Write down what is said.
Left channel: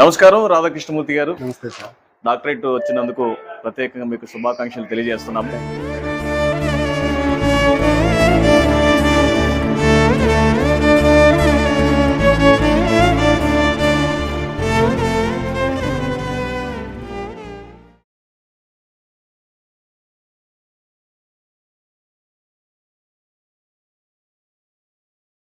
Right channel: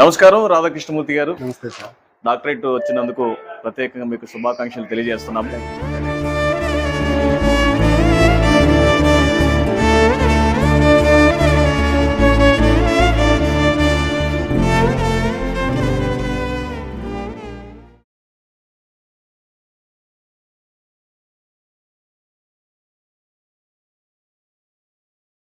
నమస్కారం రాధాకృష్ణమూర్తి గారు. నమస్తే సార్. డాక్టరేట్ వచ్చినందుకు ప్రత్యేకంగా మీకు శుభాకాంక్షలు తెలియజేస్తున్నాము.